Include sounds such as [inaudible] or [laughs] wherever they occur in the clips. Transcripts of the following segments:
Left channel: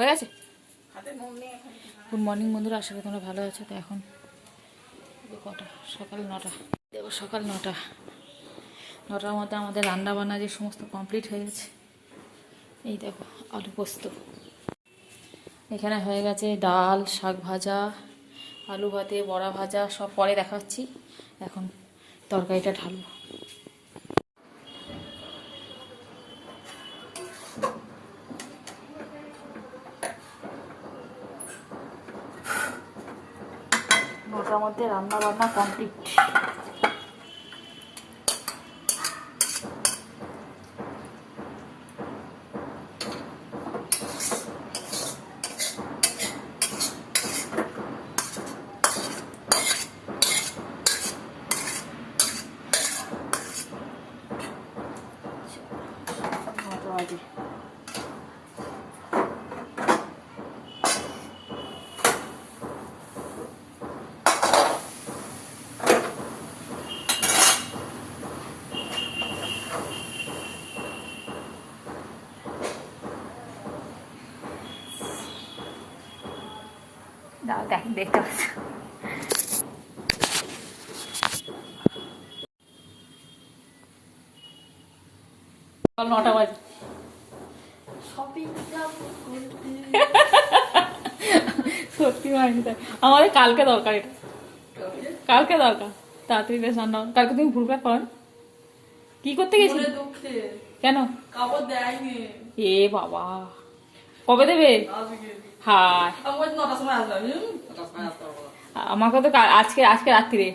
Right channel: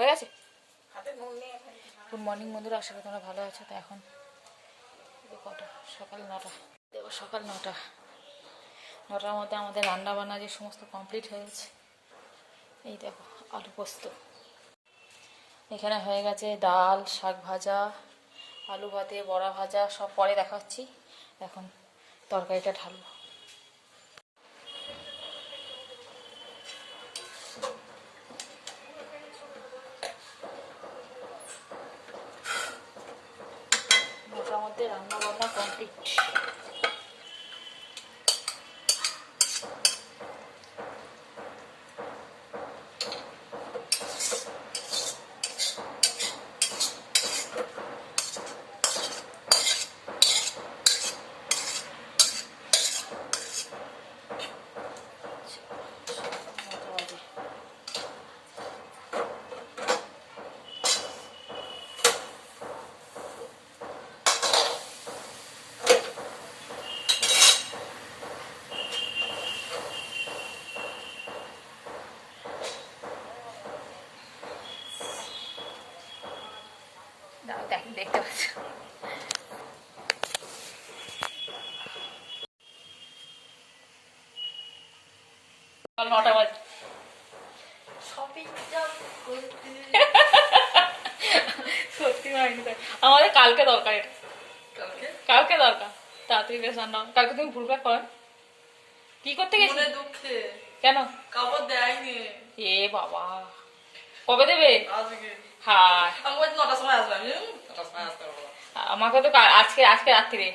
হয়ে গেছে? Good morning বন্ধুরা আশা করি তোমরা ভালো আছো। তো এখন কটা? সকাল নটা। দেখো সকাল নটা। নটার মধ্যে আমাদের রান্না বান্না যে সমস্ত কমপ্লিট হয়ে গেছে। এই দেখো আলু পোস্ত। এখানে হয়ে গেছে ডাল শাক ভাজা আলু ভাতে বড়া ভাজা সব পরে দেখাচ্ছি। এখন তরকারিটা ঢালবো। মধ্যে রান্না বান্না কমপ্লিট নটা বাজে দাও দেখ দেখতে পাচ্ছ নটা বাজে সত্যি হয়নি তাই আমাদের কালকে দরকার এটা। কালকে দরকার। তাড়াতাড়ি বেশ রান্না। কালকে তুমি ভুলভাল করো কি করতে গেছি মনে দুঃখে। কেন? কাপড় দেয়নি। এ বাবা। কবে দেবে? আজকে হায় নটার সময় আসবে আমি নটার সময় আসতে পারব আমাকে তো আজকে আজকে রাত্রিরে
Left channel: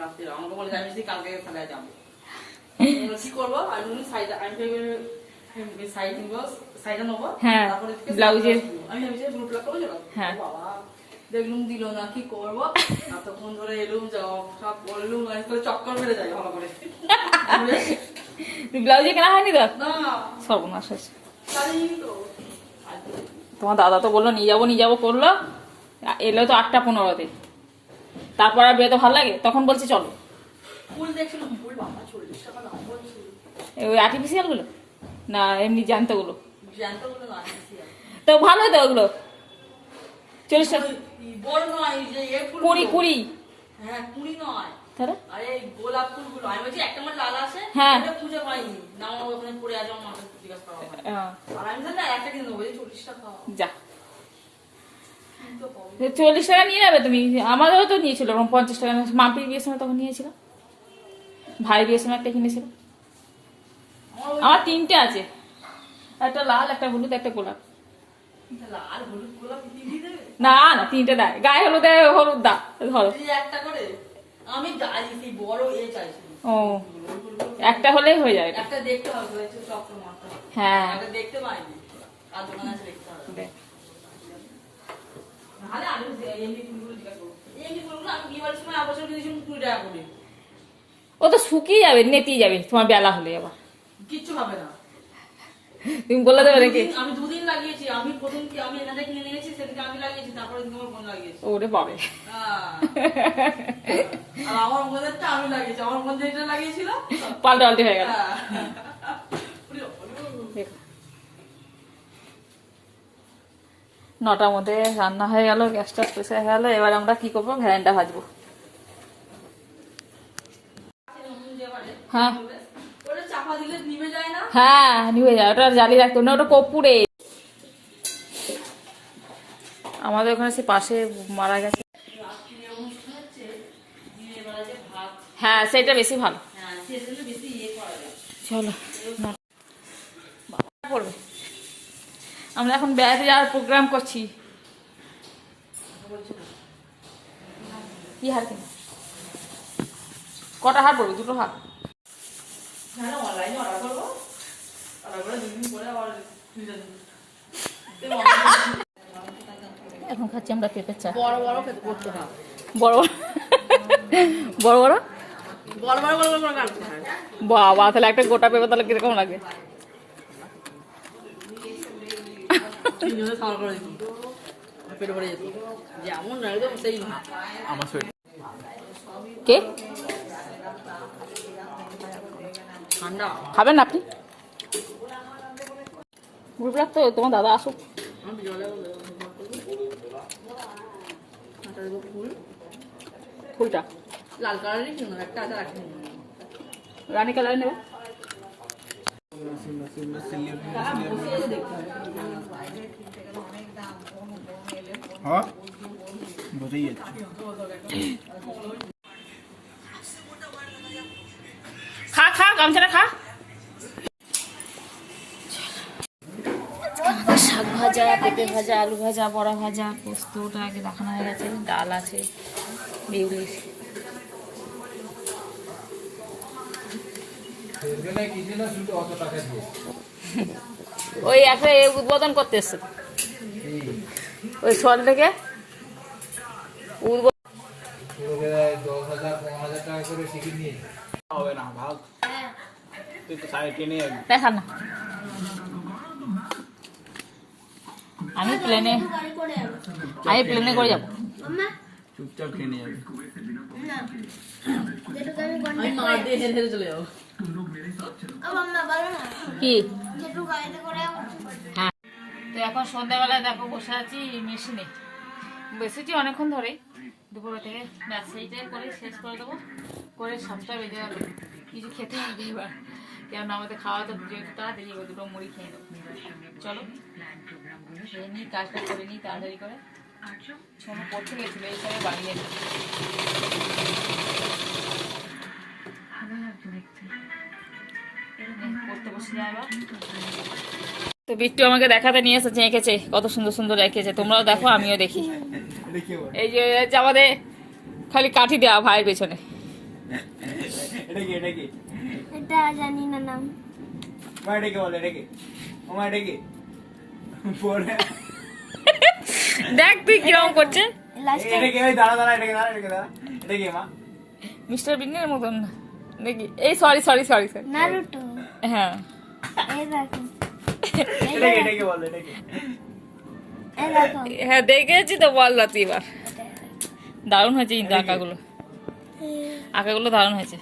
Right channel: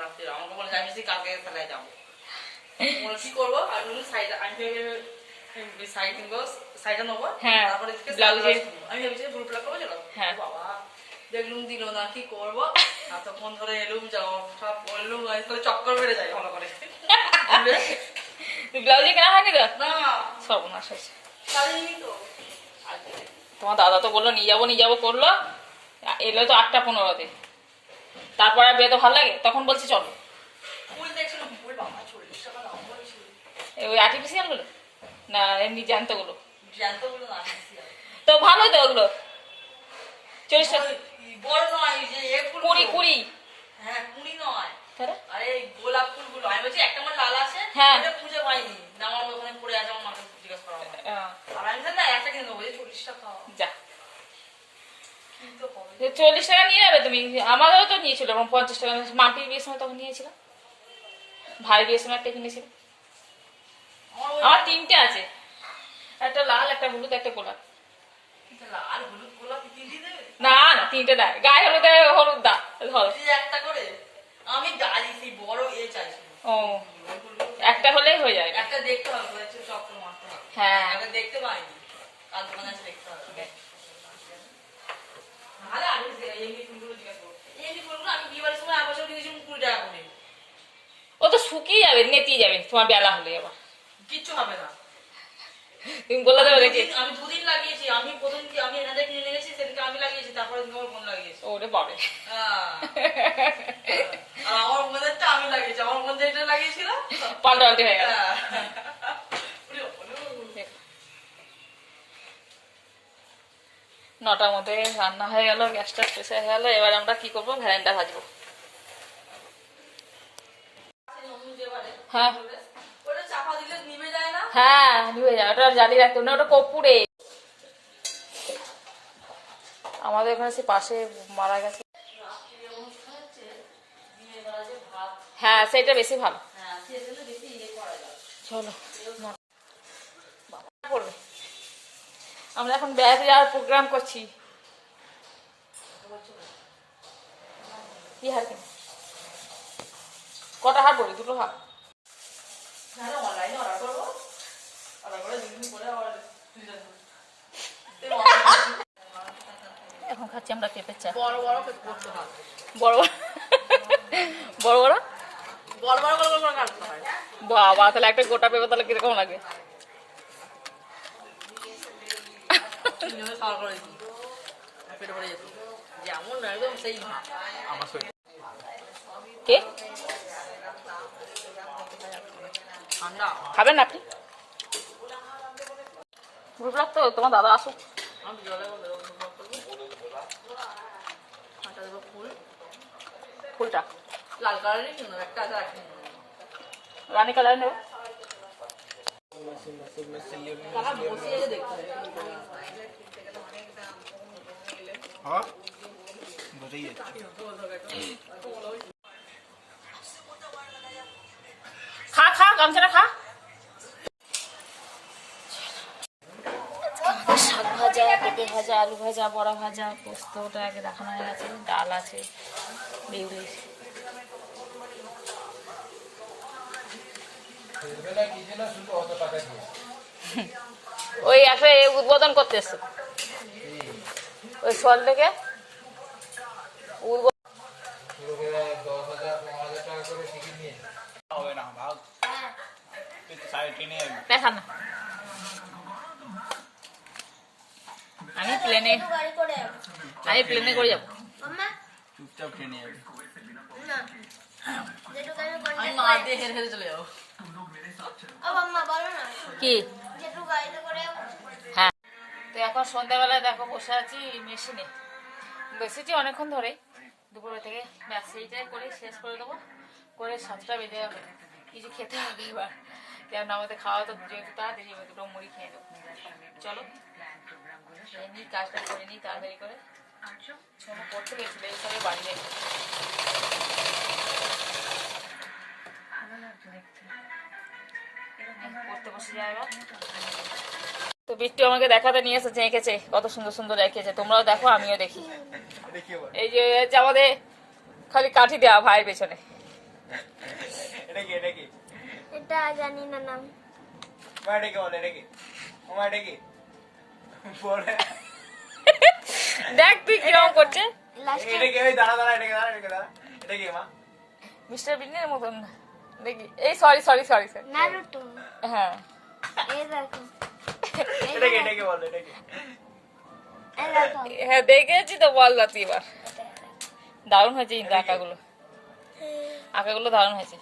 রাত্রে আমাকে বলে আমি কালকে তাহলে যাব। কি করব? আমি বললাম শাড়িটা আমি ভেবে- ভেবে শাড়ি নেব হ্যাঁ, তারপরে থেকে ব্লাউজের। সালোয়ার কিনবো। আমি ভেবেছি ব্লু প্লাগ করব চলো। হ্যাঁ। বাবা দেখলুম দিল না কি করব? এতক্ষণ ধরে এলুম যাও সব বললুম আজকাল চক্কর বেড়ে যায় ভালো করে। ব্লাউজে কেনা হয়নি তো? না। সর্বনাশ তোমার দাদা তো বলল নিয়ে যাব নিয়ে যাব করল। এলো তো আটটা পনেরোতে। তারপর আর বেরোতে ভালো লাগে? তখন বলছে চলো। ওই আর্টিফিশিয়ালগুলো? না এমনি জ্যান্তগুলো। তো ভালো তো ওগুলো। চল্লিশ কুড়ি কুড়ি। হ্যাঁ কুড়ি নয়। হ্যাঁ। এটা খুঁজে পাইনি। না আমার ওখানে পড়ে আছে আমার মাকে জিজ্ঞাসা করা আর আমি না একটা কিনে দেবো এই চল্লিশ টাকা যা। চল্লিশ টাকা নিয়ে যাবে তুমি? আমাদেরও তো নিয়েছিল এবং পঞ্চাশ টাকা মাম্পির বিয়ের সময় তখন নিয়েছিল। ভাই বিয়ের সময় একটা কিনেছিল। আমার তিনটে আছে। একটা লাল একটা হলুদ একটা গোলাপ। না না তিনটে দেয়। গায়ে হলুদ হলুদ দা ধরো। একটা করে? আমি বড় এ চাইছি। ও একটা হলেই হয়ে যায়। একটা দেখতে হবে চক্র হ্যাঁ। একটা দেখতে পাইনি। আর দোকানে আছে দেখতে হবে। দেখ। নাহলে আমি এমনি ফুলগুলো জিজ্ঞাসা করব। এমনি ফুলগুলো আমি দিওয়ালির সময় এক বছর কিনেছিলাম কুড়ি টাকা করে। ও তো শুকিয়ে যাবে নেতিয়ে যাবে তোমার বেলা হলে আবার। কিচ্ছু হবে না। তুমি বলে দেবে দুদিন- আমি দুদিন লাগিয়েছি। আমি প্রথম কি আমি এনাদের কিনে নিয়ে গেছি সেদিনকে আমি লাগিয়েছি তারপরে তোমার বোন লাগিয়েছি। ওরে বাবে হ্যাঁ। আর আমার বোনেরটা আমি লাগিয়েছি। আমার বোন যেটা লাগিয়েছিল পাল্টা পাল্টি হয়ে গেল। হ্যাঁ। নটার মধ্যে রান্না হয়ে গেল গ্যাসটা প্রেসে হয়ে গেল এবার আমরা কি করব? ভ্যালেন্টা ভাজবো। হ্যাঁ ওটা চাপা দিলে নিভে যায় না হ্যাঁ নিয়ে যায় ওটা জ্বালিয়ে রাখতে না, ওটা কপুরে আমাদের ওখানে সে পাশে মারা গেছে। হ্যাঁ সেটা বেশি ভালো। হ্যাঁ চলো পড়বে। আমরা এখন বেড়াতে যাওয়ার প্রোগ্রাম করছি। কি হার কিনে? কটা হার পড়বে? দুটো হার। এখন খাচ্ছি আমরা পেঁপের চা। বড় বড় হয় বড় বড়। বড় বড়? বড় বড় করে করে বাবা তাহলে একটা গোটা পেঁপে তাহলে কীরকম সেই কে? খাবেন না ভুল রাখতে হবে তোমার দাদা আসুক। ফুলটা। লাল কালারের সুন্দর একটা রানী কালার নেবে হ্যাঁ, খা খা গামছাটা খা। পেঁপে ভাজা আলু ভাজা বড়া ভাজা পোস্তটা আগে দেখানো হয়ে গেছে ডাল আছে বিউলি ওই একটা উদ্বোধন করতে এসছে। ওই ছল থেকে উদ্বোধন না না। আমি প্লেনে আমি প্লেনে করে যাব। চুপচাপ যাবি। যাব কি? হ্যাঁ। তো এখন সন্ধ্যাবেলায় দেখো বসে আছি মেশিনে। বসেছি অনেকক্ষণ ধরে দুপুর থেকে ব্যাস সেইটাই করে শেষ করে দেবো। করে সাতটা বেজে যাবে কিছু খেতে হবে এবার। কেন আমাদের খাওয়া তো যেহেতু তাড়াতাড়ি হবে দুটো মুড়ি খেয়ে দেবো চলো। খেয়ে নিই কাজটা করে নিই তাড়াতাড়ি করে। সোনু পড়তে গেছিল এই সঙ্গে বাড়ি নেই পড়তে বসে যায় তো বিট্টু আমাকে দেখাতে নিয়ে এসেছে এঁকেছে কত সুন্দর সুন্দর এঁকেছে। তোমরাও দেখো আমিও দেখি। দেখি এই যে আমাদের খালি কাঠি দেওয়া ভাইয়ের পেছনে। এটা জানি না নাম। দেখ তুই কীরকম করছে মিস্টার বিনের মতন দেখি এই sorry sorry sorry sorry Naruto. হ্যাঁ। এই দেখো। হ্যাঁ দেখেছি তো বল না তুই এবার। দারুণ হয়েছে কিন্তু আঁকাগুলো। আঁকাগুলো দারুণ হয়েছে।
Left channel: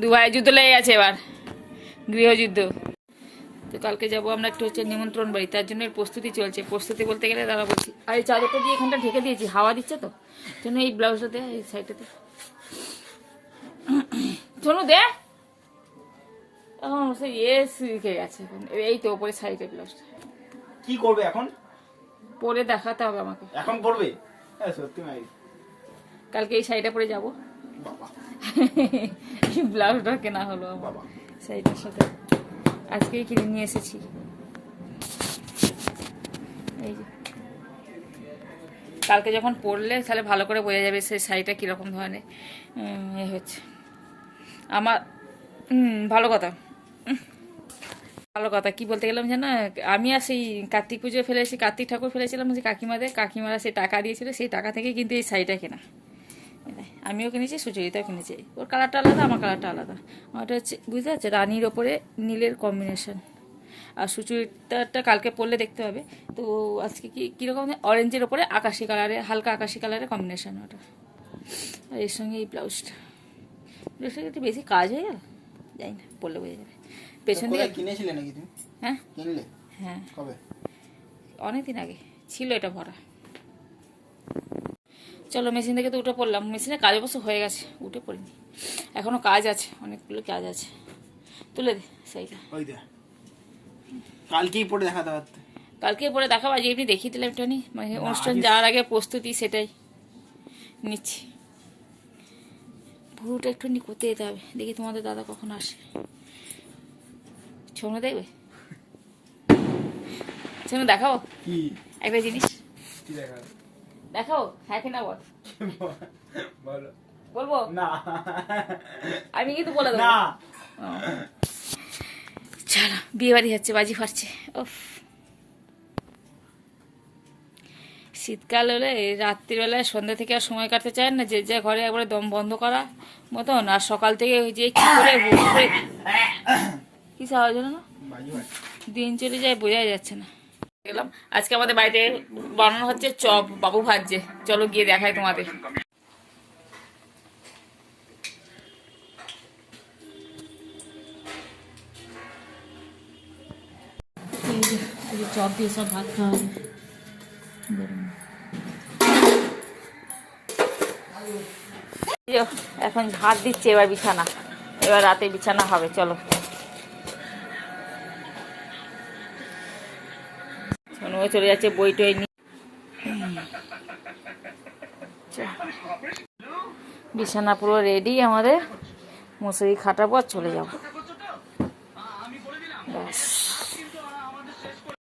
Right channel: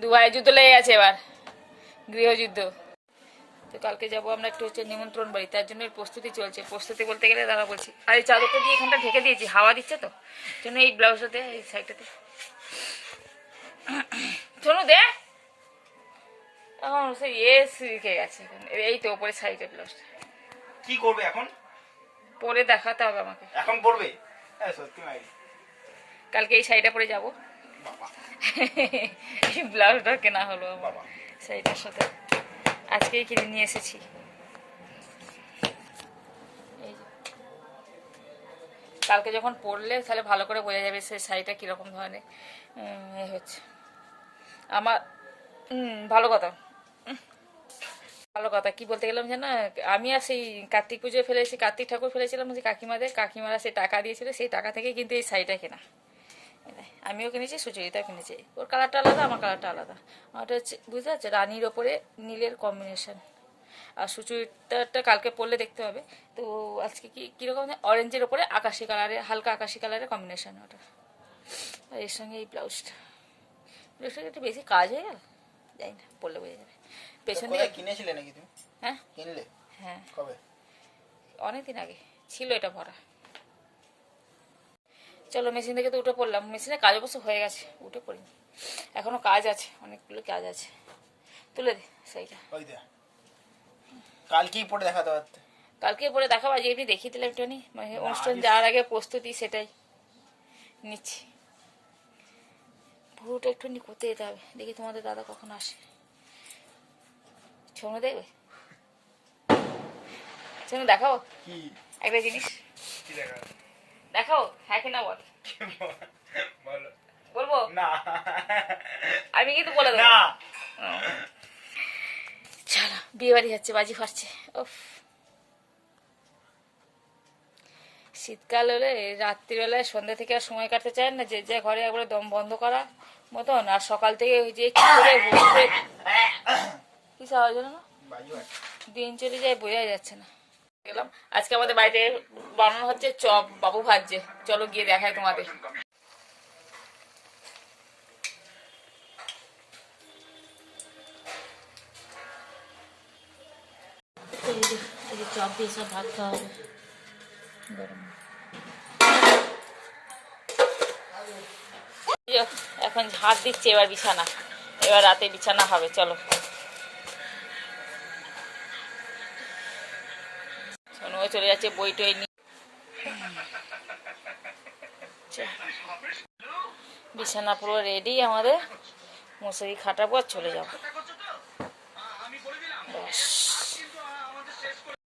দু ভাই যুদ্ধ লেগে গেছে এবার। গৃহযুদ্ধ। তো কালকে যাব আমরা একটু হচ্ছে নিমন্ত্রণ বাড়ি তার জন্য প্রস্তুতি চলছে। প্রস্তুতি বলতে গেলে দাঁড়া বলছি আর এই চাদরটা দিয়ে এখানটা ঢেকে দিয়েছি হাওয়া দিচ্ছে তো জন্য এই ব্লাউজটাতে এই সাইডটাতে। শোনো দে। এখন সে ইয়ে গেছে এখন। এই তো ওপরে সাইডে ব্লাউজটা। কি করবে এখন? পরে দেখাতে হবে আমাকে। এখন করবে সত্যি কালকে এই শাড়িটা পরে যাব। ব্লাউজটা কেনা হলো আমার শাড়িটার সাথে। আজকেই কিনে নিয়ে এসেছি। এই কালকে যখন পরলে তাহলে ভালো করে বোঝা যাবে সেই শাড়িটা কীরকম ধরনের। উম, এ হচ্ছে। আমার ভালো কথা। ভালো কথা। কি বলতে গেলাম জানো আমি আর সেই কার্তিক পুজো ফেলেছি কার্তিক ঠাকুর ফেলেছিলাম যে কাকিমাদের কাকিমারা সেই টাকা দিয়েছিল সেই টাকা থেকে কিন্তু এই শাড়িটা কেনা। এটাই। আমিও কিনেছি সুচরিতাও কিনেছি। ওর কালারটা আলাদা আমার কালারটা আলাদা। আমারটা হচ্ছে বুঝতে পারছে? রানির ওপরে নীলের কম্বিনেশন আর সুচরিতাটা কালকে পরলে দেখতে হবে। তো আজকে কি কীরকম অরেঞ্জের ওপরে আকাশি কালারে হালকা আকাশি কালারের কম্বিনেশন ওটা। আর এর সঙ্গে এই ব্লাউজটা ব্লাউজটা একটু বেশি কাজ হয়ে গেল? যাই না পরলে বোঝা যাবে। পেছন দিকে কিনেছিলে নাকি তুমি? হ্যাঁ। কিনলে? হ্যাঁ। কবে? অনেকদিন আগে। ছিল এটা ভরা চলো মেশিন থেকে তো উঠে পড়লাম। মেশিনে কাজ অবশ্য হয়ে গেছে উঠে পড়িনি। এখনও কাজ আছে অনেকগুলো কাজ আছে। তুলে দে সেইটা। কালকেই পরে দেখা পারতে। কালকে পরে দেখাবো আজ এমনি দেখিয়ে দিলাম একটুখানি। মানে অনুষ্ঠান যাওয়ার আগে প্রস্তুতি সেটাই। নিচ্ছি। ভুরুটা একটুখানি করতে যেতে হবে। দেখি তোমাদের দাদা কখন আসে। ছোনো দেখবে? [laughs] ছোনো দেখাও কি? একটা জিনিস। কি দেখা দেখাও হ্যাঁ কি না বল। বলো। বলব? না। আমি কিন্তু বলে দেবো। না। চলো বিয়ে বাড়ি যাচ্ছে বাজি ফাটছে। ওফ শীতকাল হলে রাত্রিবেলায় সন্ধ্যা থেকে আর সময় কাটতে চায় না যে যা ঘরে একবারে দম বন্ধ করা মতন আর সকাল থেকে ওই যে কি করে বসে [coughs] কি হলো না? দিন চলে যায় বোঝাই যাচ্ছে না। গেলাম। আজকে আমাদের বাড়িতে বানানো হচ্ছে চপ বাবু ভাজছে। চলো গিয়ে দেখাই তোমাদের। চপ দিয়ে সব ভাত খাওয়া হবে। এখন হাত দিচ্ছে এবার বিছানা। এবার রাতে বিছানা হবে চলো। সোনুও চলে যাচ্ছে বই টই নিয়ে। বিছানা পুরো রেডি আমাদের মশারি খাটাবো আর চলে যাব।